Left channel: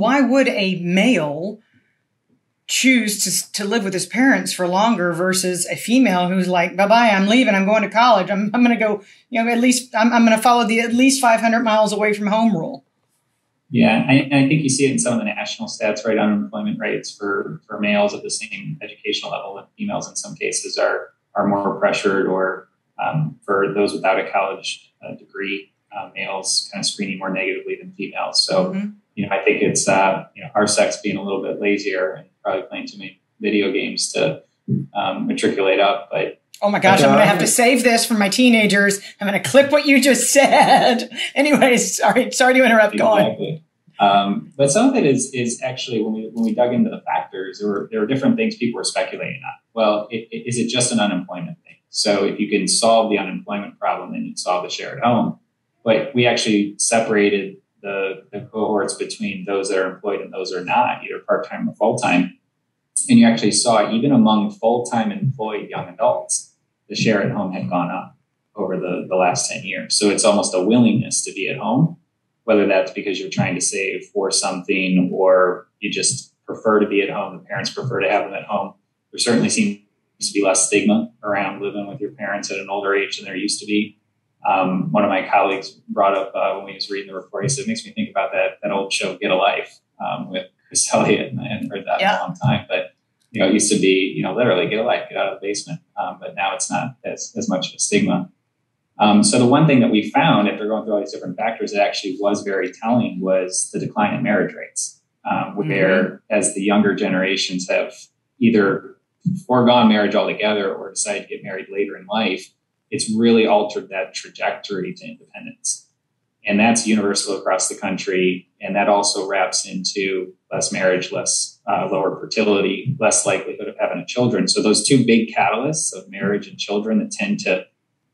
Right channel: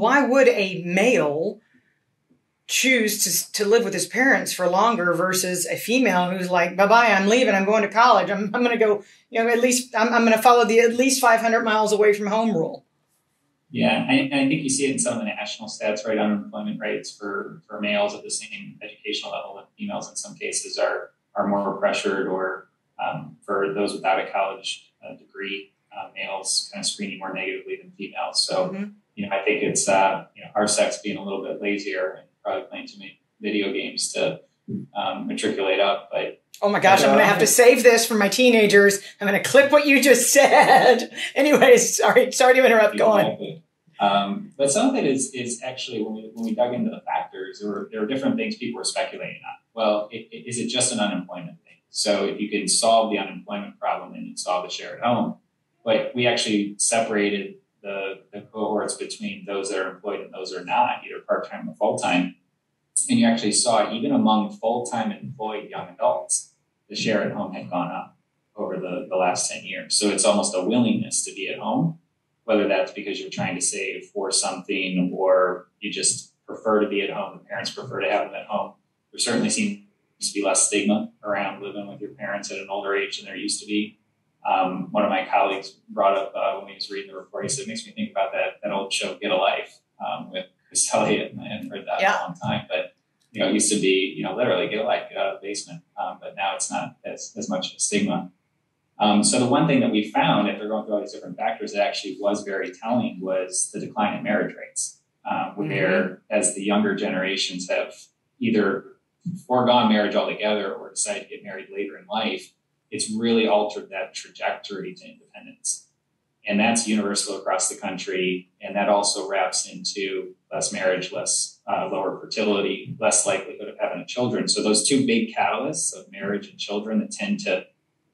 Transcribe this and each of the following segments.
Why would a male choose to live with his parents for longer versus a female who's like, bye-bye, I'm leaving, I'm going to college. I'm going to go, at least I'm going to follow the at least 500 miles away from home rule. Yeah, and I think you see it in some of the national stats, right? Unemployment rates for males at the same educational level, and females in some cases are more pressured, or for those without a college degree, males kind of screening more negatively than females. So, I think it's, our sex being a little bit lazier and probably playing too many video games to matriculate up. But oh my gosh, I'm going to have to save this for my teenagers. I'm going to clip what you just said. Anyways, sorry to interrupt. Go on. But some of it is actually, when we dug into the factors, there were different things people were speculating on. Well, is it just an unemployment thing? So if you can solve the unemployment problem, then you'd solve the share at home. But we actually separated the cohorts between those that are employed and those that are not, either part-time or full-time. And you actually saw, even among full-time employed young adults, the share at home had gone up over the last 10 years. So it's almost a willingness to be at home, whether that's because you're trying to save for something or you just prefer to be at home. The parents prefer to have them at home. There certainly seems to be less stigma around living with your parents at an older age than there used to be. One of my colleagues brought up when we was reading the report, he said, it makes me think about that old show, Get a Life, with Chris Elliott, and I hadn't heard that in a long time. But, it used to be, literally get a life, get out of the basement. But now it's not as much of a stigma. So the one thing that we found, after going through all these different factors, that actually was very telling was the decline in marriage rates, where as the younger generations have either foregone marriage altogether or decided to get married later in life, it's really altered that trajectory to independence. And that's universal across the country. And that also wraps into less marriage, lower fertility, less likelihood of having children. So those two big catalysts of marriage and children that tend to,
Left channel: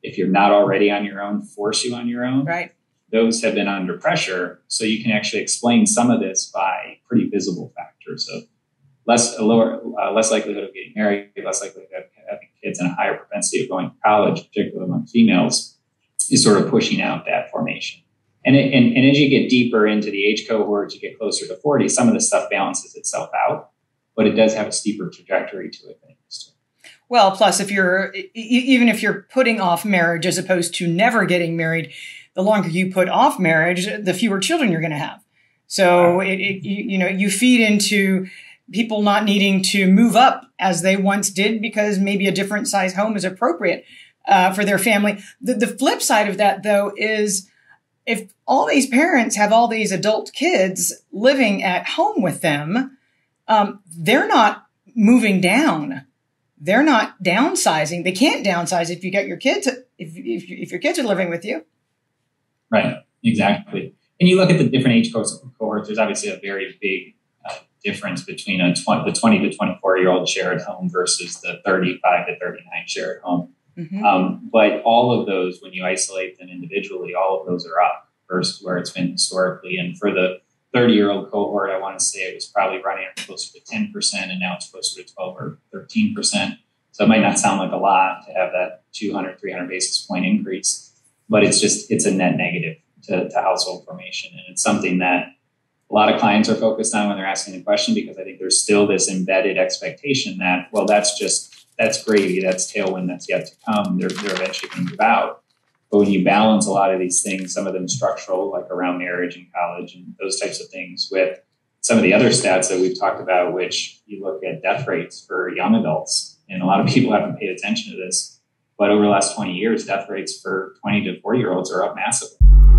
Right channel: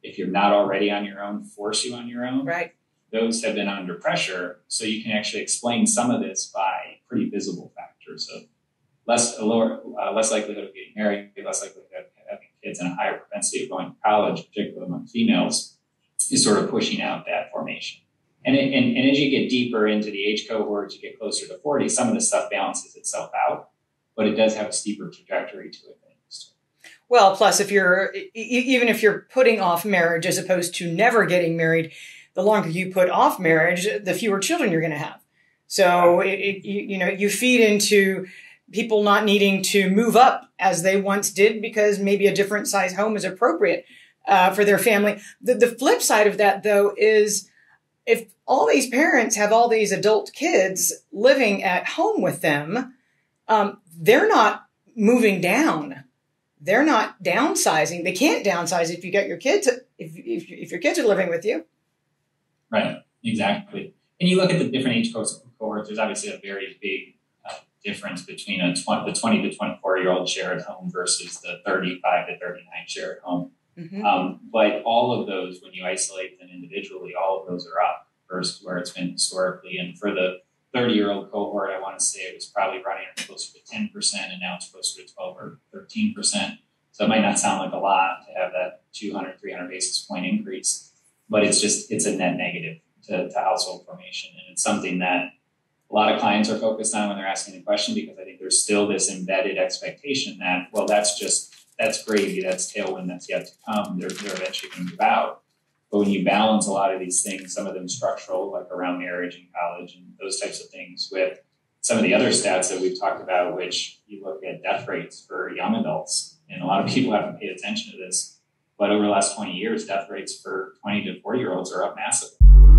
if you're not already on your own, force you on your own. Right. Those have been under pressure. So you can actually explain some of this by pretty visible factors of less likelihood of getting married, less likelihood of having kids, and a higher propensity of going to college, particularly among females, is sort of pushing out that formation. And as you get deeper into the age cohorts, you get closer to 40, some of the stuff balances itself out, but it does have a steeper trajectory to it than it used to. Well, plus even if you're putting off marriage as opposed to never getting married, the longer you put off marriage, the fewer children you're going to have. So you feed into people not needing to move up as they once did because maybe a different size home is appropriate for their family. The flip side of that, though, is if all these parents have all these adult kids living at home with them, they're not moving down. They're not downsizing. They can't downsize if you got your kids, if your kids are living with you. Right, exactly. And you look at the different age cohorts, there's obviously a very big difference between the 20 to 24-year-old share at home versus the 35 to 39 share at home. But all of those, when you isolate them individually, all of those are up versus where it's been historically. And for the 30-year-old cohort, I want to say it was probably running closer to 10%, and now it's closer to 12 or 13%. So it might not sound like a lot to have that 200, 300 basis point increase, but it's a net negative to household formation. And it's something that a lot of clients are focused on when they're asking the question, because I think there's still this embedded expectation that, well, that's gravy, that's tailwind, that's yet to come. They're eventually going to move out. But when you balance a lot of these things, some of them structural, like around marriage and college and those types of things, with some of the other stats that we've talked about, which you look at death rates for young adults, and a lot of people haven't paid attention to this, but over the last 20 years, death rates for 20 to 40-year-olds are up massively.